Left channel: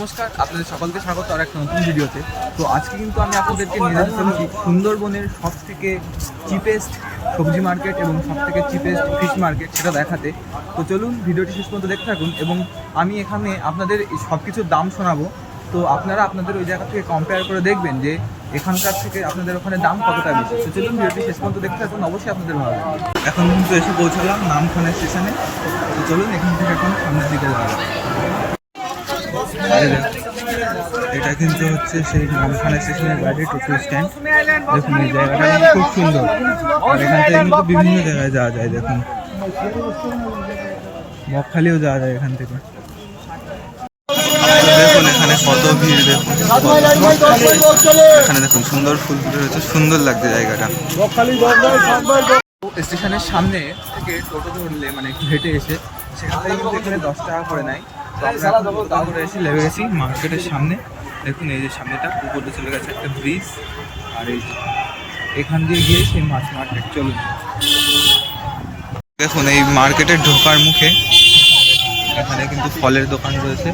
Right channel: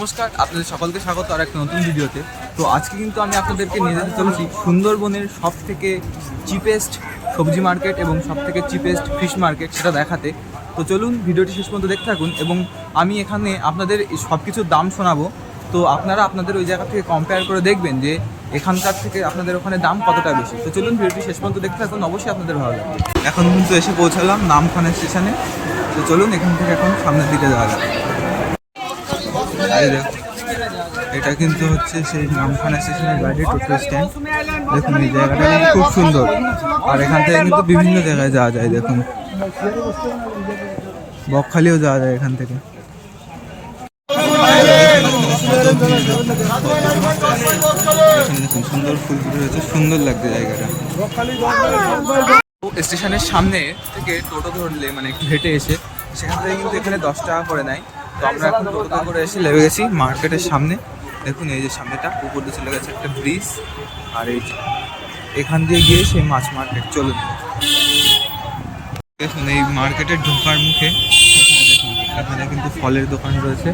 নমস্কার, আপনাদের সকলকে স্বাগত আর একটা নতুন ভিডিওতে। তো আজকে কিন্তু আমি আপনাদেরকে নিয়ে যেতে চলেছি সুন্দরবনের সব থেকে চিপেস্ট সবজি মার্কেট এবং সব থেকে চিপেস্ট ফিশ মার্কেট সেটা দেখাতে। তো চলুন ভিডিওটি শেষ পর্যন্ত দেখতে থাকুন এবং আমি এখানে আপনাদের সব কিছুর দাম শোনাবো। তো আপনারা আপনাদের ওই জায়গা থেকে কম্পেয়ার করে দেখবেন যে এখানকার থেকে আপনাদের ওখানে দাম কতটা বেশি। তো চলুন ভিডিওটি শেষ পর্যন্ত দেখতে থাকুন, অবশ্যই আপনাদের ভালো লাগবে। এখন কিন্তু এসে পৌঁছালাম নামখানা স্টেশনে। তো চলুন এখান থেকে এখন সামনের দিকে যাওয়া যাক। দেখুন, এটা কিন্তু হচ্ছে সেই নামখানা স্টেশনের বাইরে টোটো স্ট্যান্ড। দেখুন এই জায়গাটা খুব সুন্দর। আর এখান থেকে কিন্তু বিভিন্ন জায়গায় যাওয়া যায় দেখুন। বকখালিও যাওয়া যায় এখান থেকে। দেখুন এখানে দেখুন এখানে দেখুন সুন্দর ফুল ফুটে রয়েছে সুন্দর লাগছে জায়গাটা। স্টেশনের সামনে থেকে টোটো ধরলে মানে হেঁটে এসে সেখান থেকে কিন্তু এখানে দশ টাকা করে নেয়। তো আমরা এখন টোটোতে করে এসে লেগে গেছি মার্কেটের সামনে। দেখুন, এই যে সামনেটা উপর দিয়ে চলে গেছে একটা ব্রিজ। আর এই যে এখান দিয়ে গিয়ে সেই মাছ মার্কেট চলুন। দেখুন, এই মার্কেটের ঢোকার মুখে এখানে কিন্তু ফলের দোকান রয়েছে।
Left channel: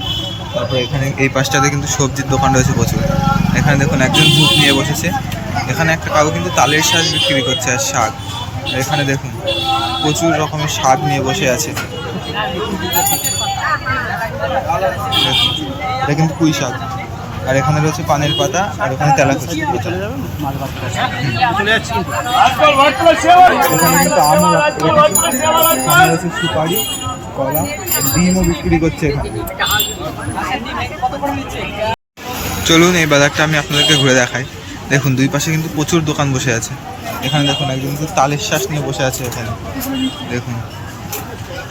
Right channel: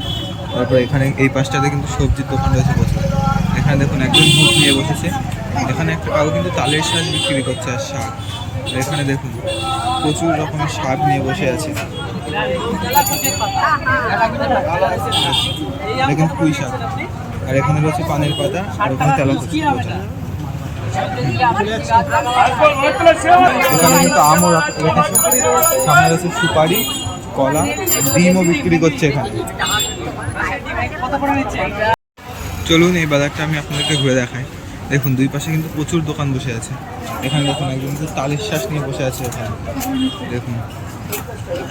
তারপর এখানে এই পাশটাতে কিন্তু সবজির দোকান রয়েছে প্রচুর। এখানে দেখুন, একজন ভুক নিয়ে বসেছে। এখানে একটা কাউ কিন্তু তালের শাক বিক্রি করছে আর শাক। এখানে দেখুন, প্রচুর রকমের শাক নিয়ে বসে আছে। এটা কিন্তু পুঁই শাক। আর এখানে রয়েছে পানের পাতা, আর ওখানে তেলা ওখানে কিন্তু আমও রাখ- রেখেছে সামনে রয়েছে সুপারি, কলা ডিমও বিক্রি করছে এখানে। চলুন, এই বাজারটা আমি আপনাদেরকে ঘুরে দেখাই। দেখুন, দুই পাশে কিন্তু প্রচুর দোকান বসে আছে। এখানে দেখুন, একজন তালের শ্বাস নিয়ে বসে আছে এখানে। দেখুন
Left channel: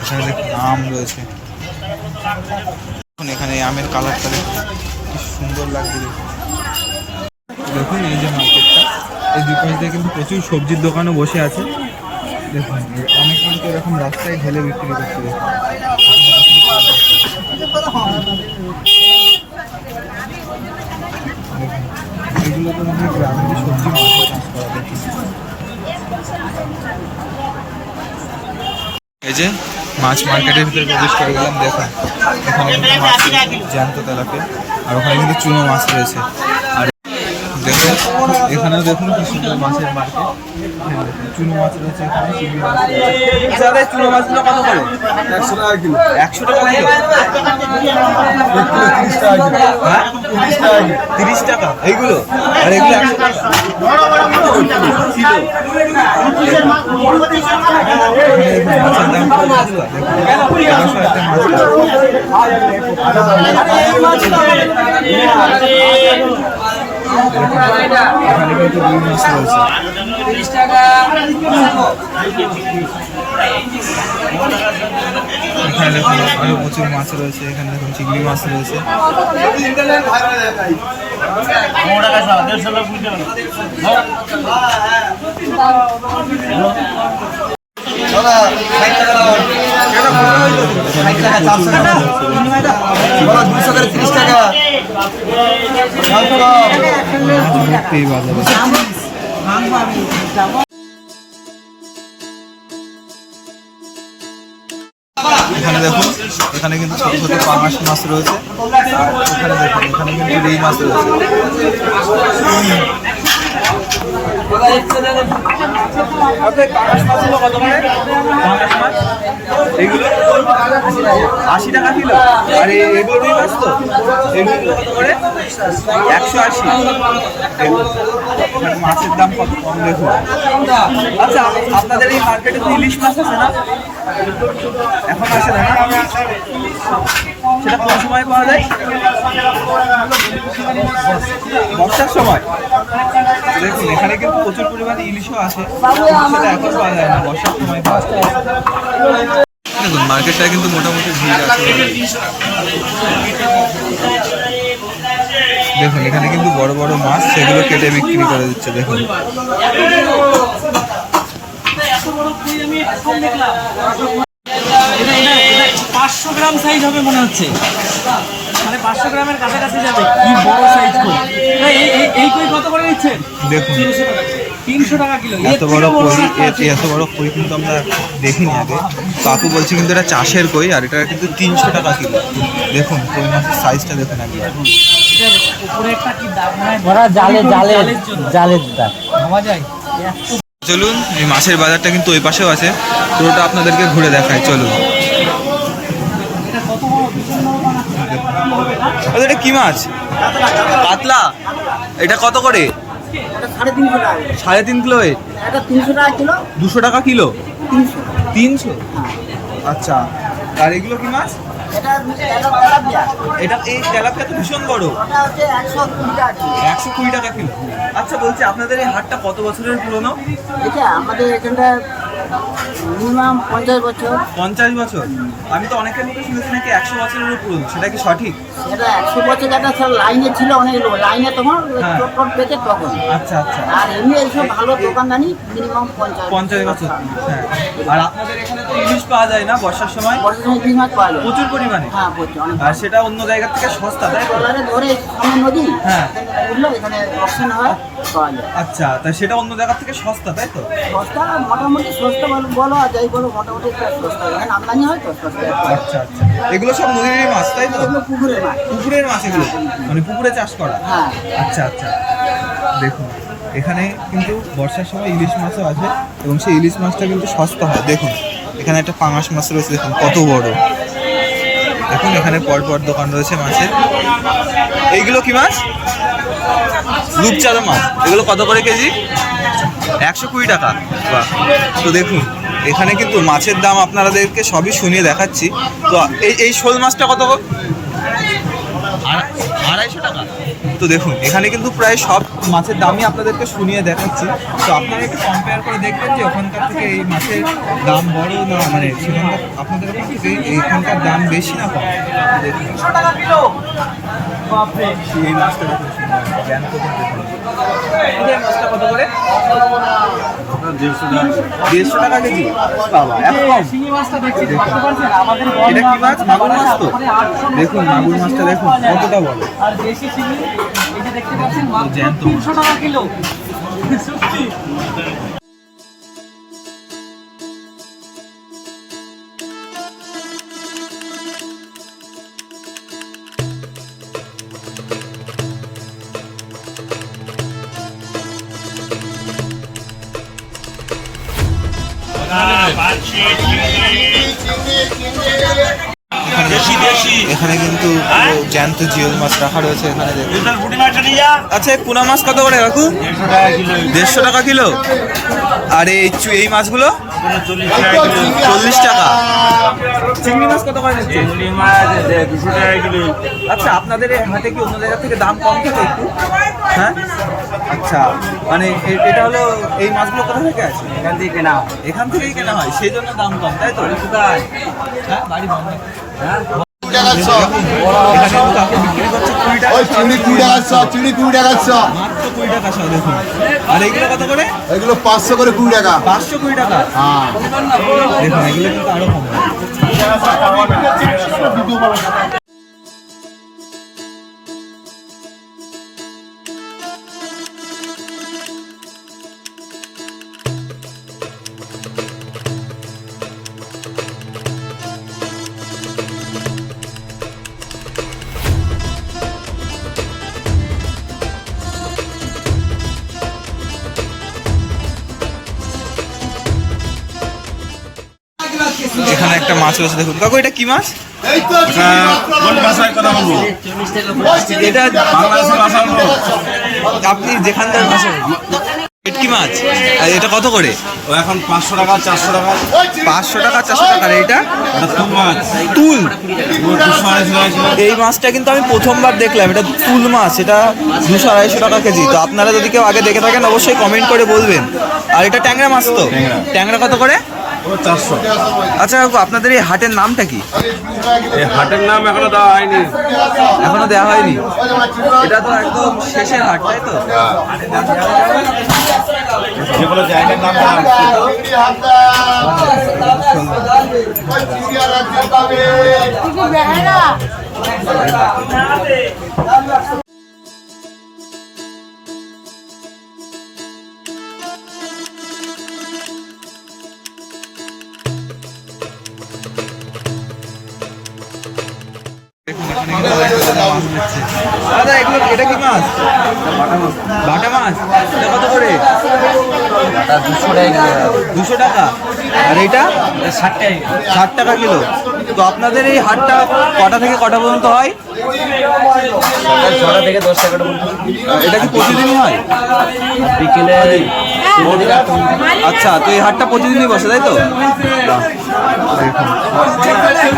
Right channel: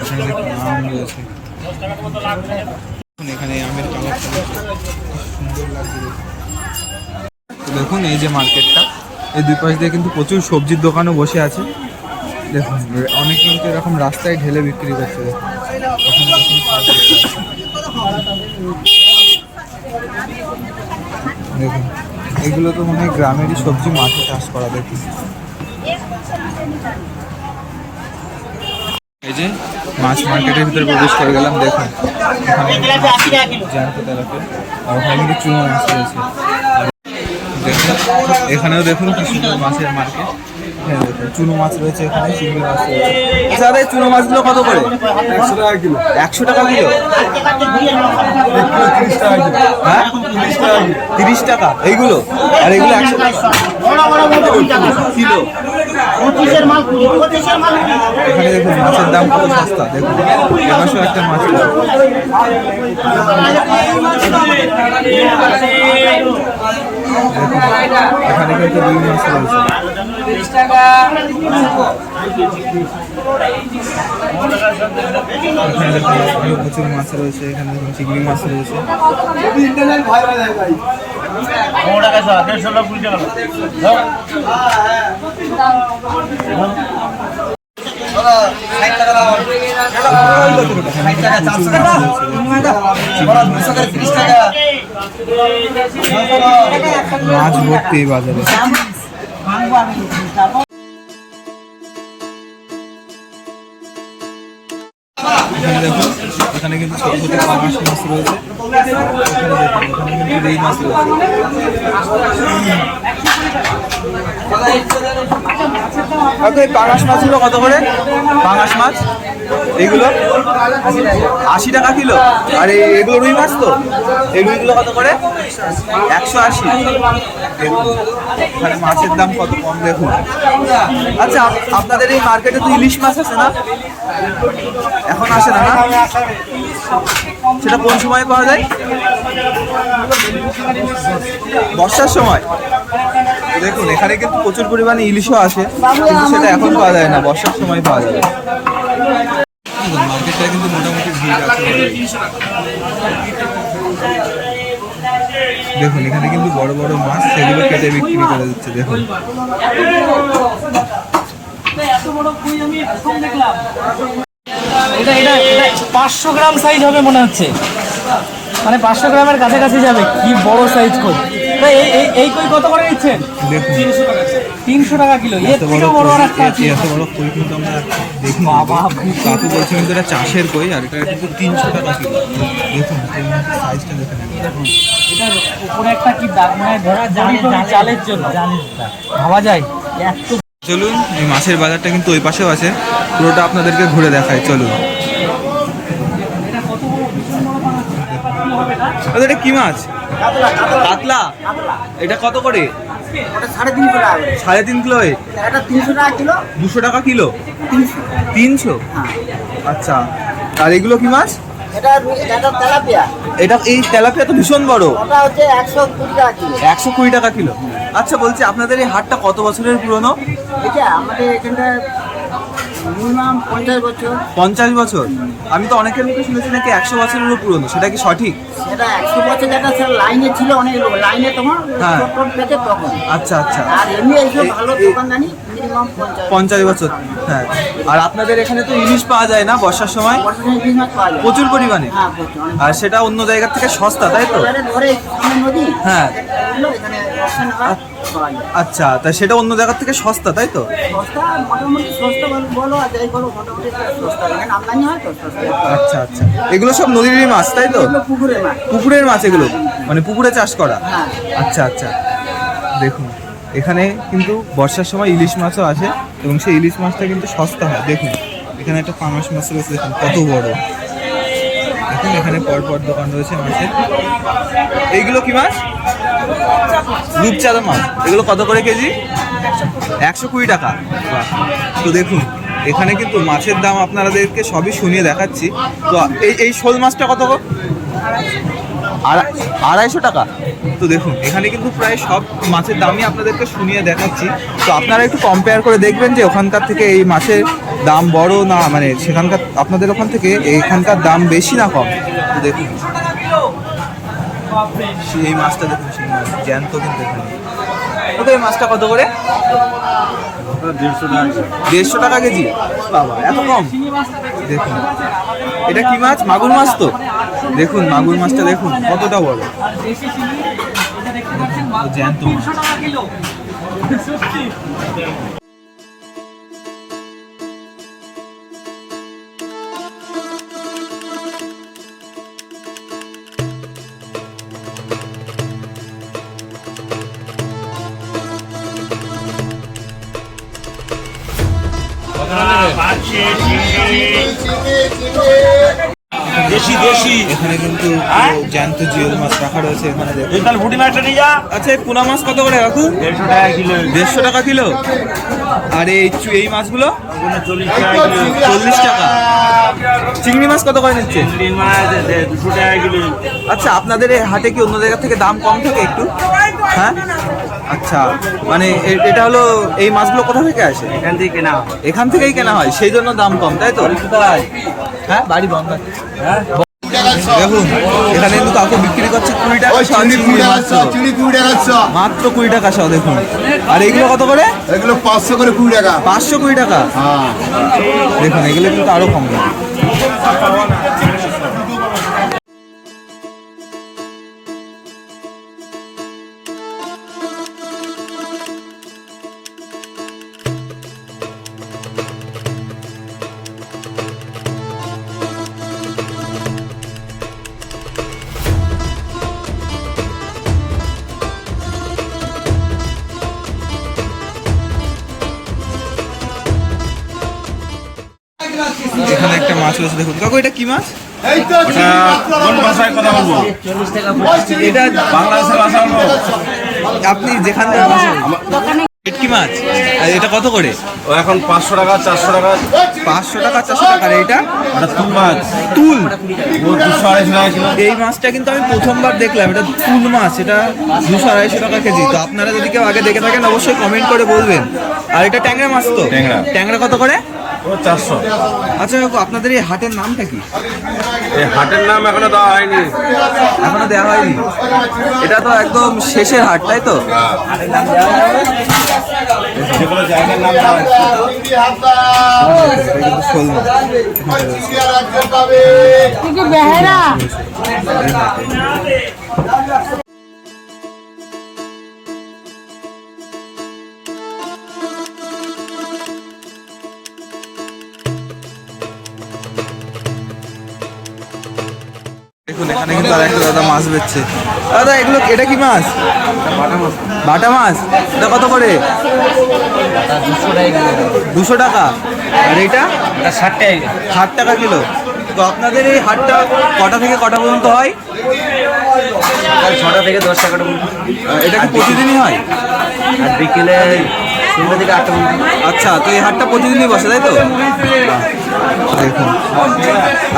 এখানে দেখুন, আম রয়েছে। দেখুন, এখানে আমের কালারটা দেখুন, কি সুন্দর লাগছে দেখুন। এই যে মার্কেটটা, এই দুই পাশ দিয়ে কিন্তু প্রচুর সবজির দোকানও বসে আছে। দেখুন, অনেক কিন্তু এরকম রাস্তায় ঢেলে বিক্রি করছে, দেখুন। দেখুন, এগুলো তো মনে হয় গ্রামেরই সবজি, মাঠে চাষ করা, দেখুন। এই যে মাছ মার্কেটের ভিতরে প্রবেশ করে গেলাম দেখুন এখানে মাছ জ্যান্ত তেলাপিয়া আর ওখানে কিন্তু চুনো মাছ রয়েছে আর দেখুন এখানেও দেখুন কি সুন্দর মাছের মার্কেট হ্যাঁ চুনো মাছ রয়েছে এখানে চিংড়ি মাছ রয়েছে আচ্ছা দাদা চুনো মাছগুলো কত করে একশো টাকা কিলো একশো টাকা কিলো তিরিশ টাকা কিলো হ্যাঁ তিরিশ টাকা কিলো তিরিশ টাকা এইগুলো আর এগুলো একশো টাকা কিলো এখানে দেখুন, মাছের দাম কত সস্তা, দেখুন। এবারও একটা মাছ এখানে কিন্তু রুই মাছ রয়েছে। এখানে দেখুন, আরও প্রচুর মাছ রয়েছে। এখানে দেখুন, চিংড়ি মাছ রয়েছে। এখানে কিন্তু প্রচুর মাছ রয়েছে দুশো করে তিরিশ টাকা মাছ ভর্তি বাজারে এখানে দেখুন, এখানে কিন্তু ছোট ছোট পাঙাশ মাছ রয়েছে। আর এখানে দেখুন, এখানে কিন্তু রুই মাছ রয়েছে। এই পাঙাশ কত করে? মাছ? এইগুলো? আশি টাকা কিলো। মাছ তো? কত করে? একশো আশি। মাছের দাম কত কম দেখুন। আচ্ছা আপনাদের এই মার্কেটে তো ইলিশ মাছ আছে না? এখন আসে না না? সেটা কোন সময় পাওয়া যায়? বর্ষার সময়। দেখুন, এখানে কিন্তু প্রচুর পরিমাণে ইলিশও আসে কিন্তু সেটা এখন পাওয়া যায় না, বর্ষার সময় পাওয়া যায় দেখুন, মার্কেটটা কিন্তু মোটামুটি ভিড় আছে। দেখুন, এখানে কিন্তু বড় বড় মাছ সেগুলো কেটে বিক্রি করে দিচ্ছে, দেখুন। পাঁচশো গ্রাম সাইজ হবে মনে হচ্ছে। মানে পাঁচশো গ্রামের কাছাকাছি যাবে। কি বড় সাইজ কই এই কই কত করে দিচ্ছেন দেখুন। তিনশো টাকা। কিলো। এত বড় কই। এত বড় কিন্তু আমরা দেখিনি আগে। কাকু বলছে কিন্তু এটা চাষের কই আর এটা কিন্তু তিনশো টাকা কিলো। দেখুন কই মাছের সাইজটা দেখুন একবার। এটার উপরে একটা কি দাগ মানে ভরা জালে জালে জালের জন্য। জালের দাগ। ভাবা যায়? এত চলুন এই মাছের বাজারটা কিন্তু ওই পাশেও আছে। পুরোটা আপনাদেরকে ঘুরে দেখায় চলুন। এটা কি আচ্ছা, এটা কি মাছ? কাতলা। এটা কত করে? সাড়ে তিন কিলো এ? এটা তিনশো টাকা কিলো। দুশো টাকা কিলো? তিনশো। তিনশো? হ্যাঁ। আচ্ছা আর এগুলো কি মাছ? এটা এটা তেলাপিয়া। এটা এই তেলাপিয়া তো ভীষণ বড়। একশো কুড়ি টাকা কিলো। আচ্ছা বলছি আপনাদের এই হাটটা কত বছরের পুরনো? এটা আমাদের এখানটা মিনিমাম পঞ্চাশ বছর। পঞ্চাশ বছর? আমি তো অনেকের মুখে শুনেছি নাকি একশো বছরেরও পুরনো। সেটা কি সঠিক? সেটা একশো বছর যেটা স্যার লাইনে ছিল অনেক লোক। লাইনে তোমার হ্যাঁ। চট চট পেতে তখন। আচ্ছা আচ্ছা। আর এমনি এইসব ভালো দোকানদানি মিনিমাম পঞ্চাশ পঞ্চাশ বছর। হ্যাঁ। আর আপনাদের এখানে তো ইলিশ পাওয়া যায় না বর্ষার সময়? প্রচুর পরিমাণে? হ্যাঁ প্রচুর আর সেটা অন্য জায়গার থেকে সস্তা তাই তো? ধরে নদী হ্যাঁ। এখানে হয়। পাওয়া যায়। আচ্ছা তা সেটা অন্য জায়গার থেকে সস্তা তাই তো? সস্তা মোটামুটি সস্তা বলো বলো আর যাই বলো মোটামুটি একটা সস্তা। এখানে আমদানি হয় তো সস্তা। আচ্ছা আচ্ছা। এগুলো সব নদীর মাছ তাই তো? এগুলো পুকুরের মাছ। পুকুরের মাছ এগুলো? মানে পুকুরে চাষ করা? হ্যাঁ। আচ্ছা আচ্ছা। দেখুন এখানে কিন্তু বর্ষার সময় ইলিশ মাছও আছে এবং সেই ইলিশ মাছটা কিন্তু সস্তা হয়। দেখুন এখানে একটা পাঙাশ মাছ রয়েছে দেখুন কত বড়। দেখুন এখানে পরপর দোকান রয়েছে মাছের। এইগুলো কি মাছ? রূপচাঁদা মাছ। এগুলো কত করে কেজি? একশো কুড়ি টাকা। বাহ। তো দেখুন এখানে কিন্তু মাছের দাম আপনাদেরকে সবই শুনিয়ে দেখাচ্ছি। তো এই এই শোল মাছটা কত? আড়াইশো টাকা। তো দেখুন এখানে কিন্তু প্রায় সব মাছের দামই আপনাদেরকে শুনিয়ে দেখাচ্ছি। তো আপনারা একটু কম্পেয়ার করে দেখবেন যে ওখানকার থেকে এই মাছের দাম বড় না মানে সেখানকার আপনাদের ওখান থেকে এইখানকার দাম বেশি না কম? দেখুন। এই মাছটা দেখুন, সেই মাছ। জ্যান্ত কিন্তু এখানে। এই মাছটা কত করে? দেড়শো টাকা কেজি। বাবা, এত কম। দেখুন। এটা কি মাছ? মাগুর মাছ তো? দেখুন, মাগুর মাছটা দেখুন, কতটা বড়। জ্যান্ত মাছ। এখানে কিন্তু জ্যান্ত জিওল মাছ রাখা রয়েছে এখানে আচ্ছা এই পুনা মাছ কত করে কাকু? দেড়শো টাকা কিলো। দেড়শো টাকা কিলো? আর এই এই মাছগুলো? চল্লিশ টাকা চিংড়ি মাছ কত করে নিচ্ছে? চিংড়ি মাছ দে- দুশো টাকা কিলো। আচ্ছা আপনাদের হাটে কি অন্য জায়গা থেকে দাম কম থাকে একটু? হ্যাঁ? আচ্ছা মানে এ- এটা হলো এই মাছগুলো কোথা থেকে আসে? এখান থেকে কেনা এখান থেকেই কেনা হয় সেই জন্য দাম কম তাই তো? হ্যাঁ? বাড়ি বন্ধ। হ্যাঁ? দেখুন এখানে কিন্তু কাকে বিক্রি করছে কুড়ি টাকা কুড়ি টাকা শ চিংড়ি কুড়ি টাকা শ মাত্র কুড়ি টাকা শ দেখুন। আর এগুলো কত করে? এগুলো পাঁচশো করে কুড়ি টাকা। পাঁচশো কুড়ি টাকা। হ্যাঁ। দেখুন এগুলো কিন্তু আরও কম মাছ রয়েছে দেখুন। কাকু এটা কি মাছ? কোন ভাষায় কথা বলব? এটা বাংলাদেশের ভাষা বলব। আপনি যেখানকার ভাষা ভেটকি মাছ? আর এটা কত করে? ও এখন পাঁচশো টাকা চারশো টাকা। পাঁচশো টাকা চারশো টাকা এটা? তুল মাছ। তুল? এই মাছটা কিন্তু আমি প্রথমবার দেখলাম। এটা তুল মাছ এটা দুশো আড়াইশো টাকা কেজি। তো আপনারা যদি কেউ আগে দেখে থাকেন অবশ্যই কমেন্ট করে বলবেন। আর এটা ট্যাংরা মাছ তো? ট্যাংরা। কত করে? চারশো। আচ্ছা কাকু আপনাদের এই হাটের নামটা কি? এই হাটের নাম এখনও দেওয়া হয়নি। এখনও দেওয়া হয়নি? এটা তো একদম শেষের হাট তাই তো? যে জায়গার নাম দেওয়া কিন্তু আরেকটা দাদা মাছ বেচছে। দাদা এগুলো এটা কি মাছ? বাটা মাছ। এটা কত করে? দুশো টাকা। আর এটা? ষাট টাকা ষাট টাকা কিলো। তো আপনাদের এই হাটটা কটা থেকে কটা পর্যন্ত হয়? সকাল ছটা থেকে দশ টাকাটা পর্যন্ত। এটা কি প্রতিদিনই হয়? আর বিকেলে আচ্ছা তো এই হাটটা প্রতিদিনই বসে তাই তো? দেখুন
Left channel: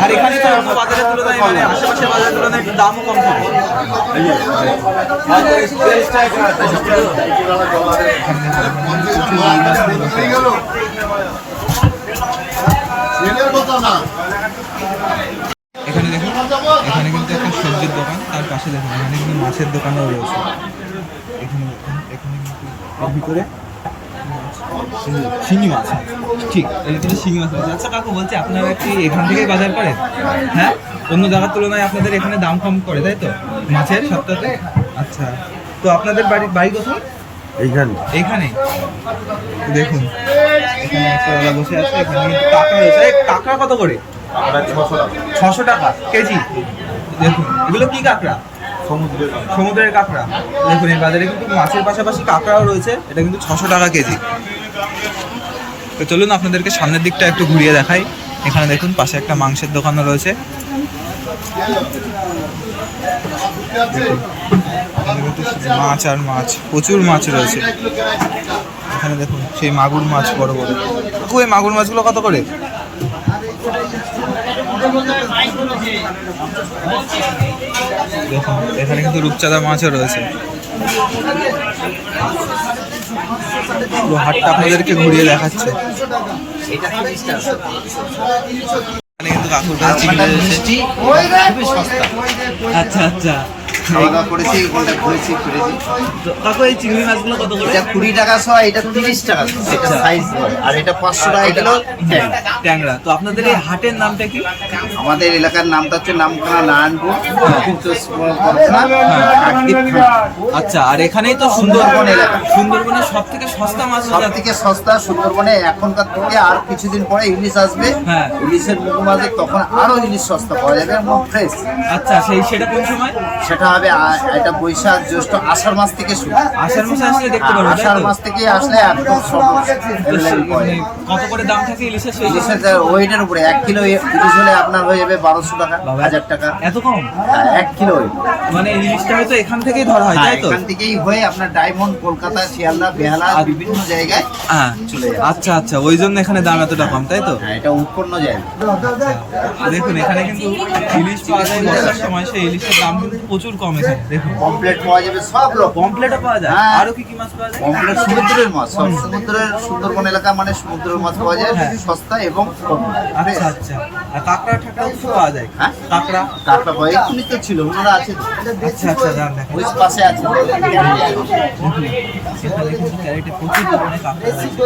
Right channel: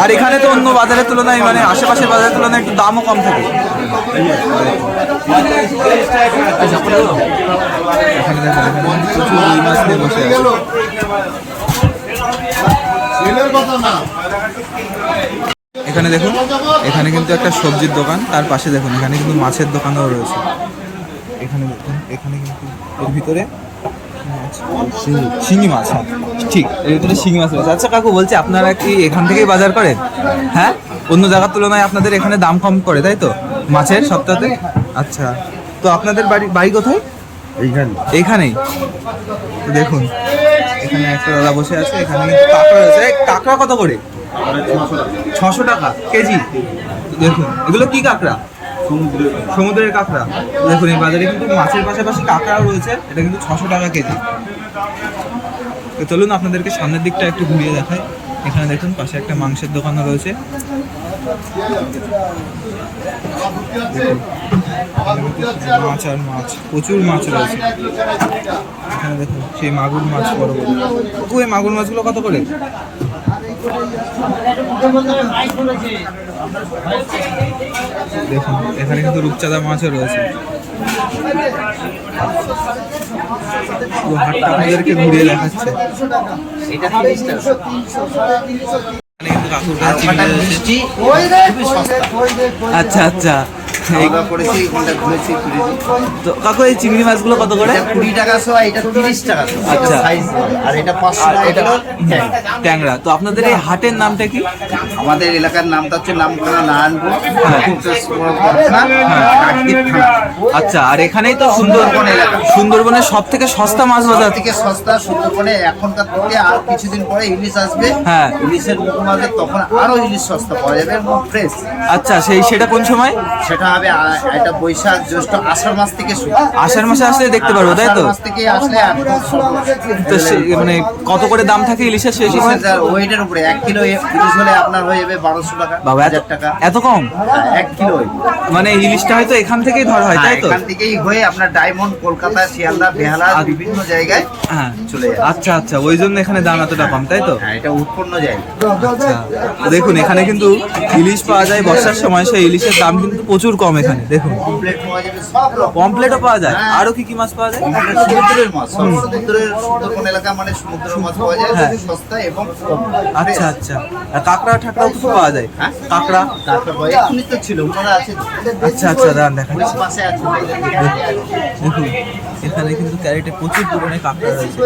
আর এখানে তো অন্য বাজারের তুলনায় মানে আশেপাশের বাজারের তুলনায় একটু দামও কম থাকে। এখানে দেখুন, এখানে কিন্তু একটা সবজির দোকান তার পাশে দেখুন এখানে কিন্তু মাছের দোকানও রয়েছে। এখানে এখানে কিন্তু ভিতরে শিঙি মাছ হ্যাঁ। ঠিক ভিতরে শিঙি মাছ রয়েছে। আচ্ছা কাকু বলছি আপনারা কি এখান থেকেই বাজার করেন? হ্যাঁ? অন্য জায়গার তুলনায় আপনাদের এখানে দাম কম করে তাই তো? মাছের সপ্তাহে আচ্ছা। তো আপনাদের বাড়ি বাড়ি কোথায়? এইখানে। এইখানেই তো দেখুন এখানে একটা দাদা বসে আছে এখানে কাঁকড়া রয়েছে। এই কাঁকড়া কত করে? ছশো টাকা কেজি। দেখুন এগুলো কি কাঁকড়া? সমুদ্রের সমুদ্রের কাঁকড়া। দেখুন, এই বাজারে কিন্তু মাছের পাশাপাশি কাঁকড়াও রয়েছে। এটা কিন্তু ছশো টাকা কেজি। তো চলুন আপনাদেরকে সামনের দিকটা একটু ঘুরিয়ে দেখাই। এখানে দেখুন, পাশে একটা মাংসের দোকানও রয়েছে। মাছ আর মাছ, প্রচুর মাছ রয়েছে। এখানে দেখুন, সেই মাগুর মাছ বড় বড়। এই মাগুর মাছগুলো কত করে? দেখুন এখানে কিন্তু রূপচাঁদা মাছও রয়েছে। পুরো হাটটা আপনাদেরকে ঘুরিয়ে দেখাচ্ছে। এখানে কিন্তু কাকুর কাছে চিংড়ি রয়েছে। আচ্ছা আচ্ছা। খাওয়া দাওয়া করেছি ওখানটা ঘুরেছি ফিরেছি। তো কাকু এই চিংড়ি মাছগুলো কত করে? এটা কুড়ি টাকা এটা তিরিশ টাকা এটা আচ্ছা। সাইজ বলে আর এটা পাঁচশো টাকা এটা- হ্যাঁ। ট্যাংরা তো আপনাদের এই হাটের নামটা কি? আমাদের এলাকার নামটা হচ্ছে নামখানা নারায়ণপুর পরগনা কাকদ্বীপ থানা। আচ্ছা আর এখানেই তো সুন্দরবন এলাকা। সুন্দরবনের সব থেকে সস্তা মাছ সব বাজার। থেকে সস্তা সুন্দরবনে এখনকার থেকে আর কিছুদিন পরে ইলিশ আসবে। হ্যাঁ। ইলিশের মুখ মাঝে তখন আরও ইলিশ সস্তা পাওয়া যাবে এবং ফ্রেশ আচ্ছা সেই সেটা কোন সময়? সেটা হবে এটা বৈশাখ জ্যৈষ্ঠ আষাঢ় মাস থেকে শুরু। আষাঢ় মাসে আসলে দেখতে পারব তাই তো? মাস থেকে আসলে একদম মানে কত করে দাম থাকে ইলিশের সেই ওয়েটের উপরে এক কিলো ইলিশ হলে আপনার হয়ে যাবে বারোশো টাকা বাবা হাজার টাকা। এত কম? হ্যাঁ, এক কিলো মানে ইলিশটা হয়তো এখান থেকেই ধরা হয় হ্যাঁ, তাই তো? এখান থেকেই হয়ে আপনার ডায়মন্ড কলকাতা শিয়ালদা বেহালা বিভিন্ন জায়গায় হ্যাঁ। চলে যাবে। আচ্ছা আচ্ছা ওই জন্য এখানে দাম এতটা কম তাই তো? হ্যাঁ এটা উৎপন্ন জায়গা। আচ্ছা দেখুন এখানে কিন্তু ইলিশ পাওয়া যায় বর্ষার সময় সেই ইলিশের দাম কিন্তু প্রচুর কম। এখানে দেখুন। কমপ্লেট পাওয়া যাবে সব রকম। পমপ্লেটও পাওয়া যায়। হ্যাঁ। আরও কি কি মাছ পাওয়া যায়? কমপ্লেট সমুদ্রের মাছ সব সমুদ্রের সুন্দরবন এলাকা মানে সমুদ্রের মাছ পাওয়া যায় হ্যাঁ। সস্তা এবং কম। আচ্ছা আচ্ছা। আর কাঁকড়া ঠাকড়াও কিছু পাওয়া যায়। হ্যাঁ? কাঁকড়া? কাঁকড়া পাওয়া এক্ষুনি তো ছিল ওনারা আছে। আচ্ছা আচ্ছা দাঁড়ান দেখেন পাশে আছে। দেখুন এখানে কিন্তু ক্যারেটে প্রচুর পরিমাণে কাঁকড়া রয়েছে।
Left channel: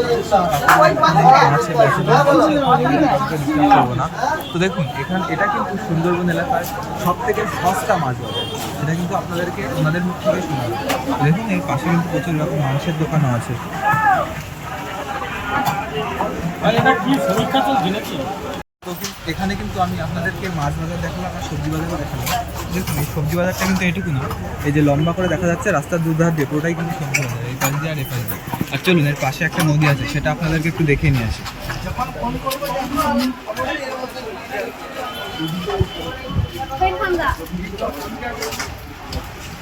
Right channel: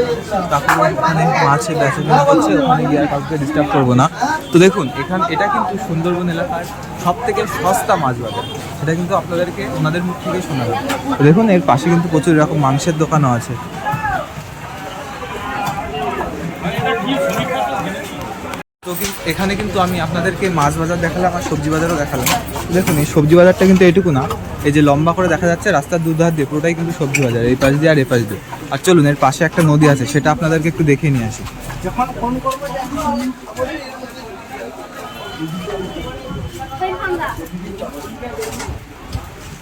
কাঁকড়া এখানে মাছের বেচা আর কাউকে ডিস্টার্ব করব না। তো দেখুন এখান এটা কিন্তু সুন্দরবন এলাকার সব থেকে সস্তা মাছ বাজার। সেটা কিন্তু আপনাদেরকে ওনাদের মুখ থেকে শোনাবো। দেখুন, এর পাশে কিন্তু প্রচুর এরকম মাংসের দোকানও আছে। তো এখানে কিন্তু আমি আপনাদেরকে মাছ বাজার দেখালাম আর সবজি বাজারও দেখালাম। দেখুন, এই সবজি বাজারটা কিন্তু এইটুকু না। এই যে লম্বা করে দেখা যাচ্ছে, রাস্তার দুধার দিয়ে পুরোটাই কিন্তু সবজি বাজার, এই পাশ দিয়ে আর এই পাশ দিয়ে। আর চলুন, এর পাশে একটা নদী আছে, সেটা আপনাদেরকে একটু দেখে নিয়ে আসি।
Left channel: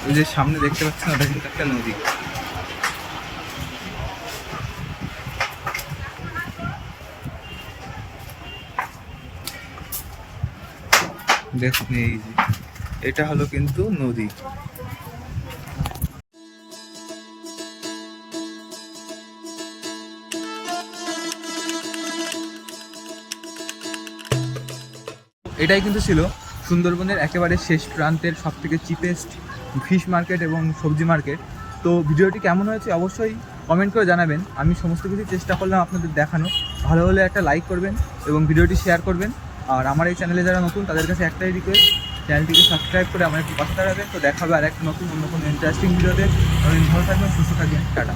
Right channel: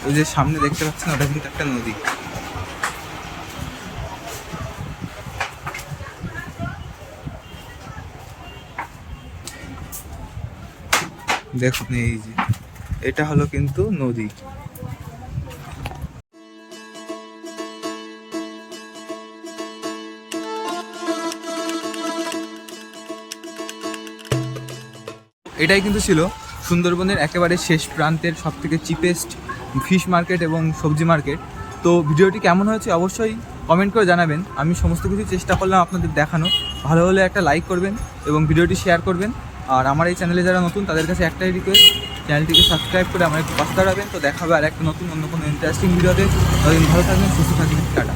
ওই যে সামনে দেখতে পাচ্ছেন, ওটা কিন্তু একটা নদী। দেখুন এই যে, এটা হলো কিন্তু নদী। এটাই কিন্তু ছিল সুন্দরবনের একেবারে শেষ প্রান্তের সব থেকে চিপেস্ট ফিশ মার্কেট এবং সবজি মার্কেট। তো ভিডিওটি কেমন হয়েছে অবশ্যই কমেন্ট করে জানাবেন। আমি সমস্ত কিছু চেষ্টা করলাম আপনাদের দেখানো। ভালো হলে একটা লাইক করবেন এবং ভিডিওটি শেয়ার করবেন। আর আমার এই চ্যানেলে যারা নতুন, তাদের কাছে একটাই রিকোয়েস্ট চ্যানেলটিকে সাবস্ক্রাইব করে আমার একটু পাশে দাঁড়াবেন। তো দেখাবে আর একটা নতুন, অন্য কোনো ইন্টারেস্টিং ভিডিওতে ততদিন ভালো থাকবেন, সুস্থ থাকবেন। টাটা।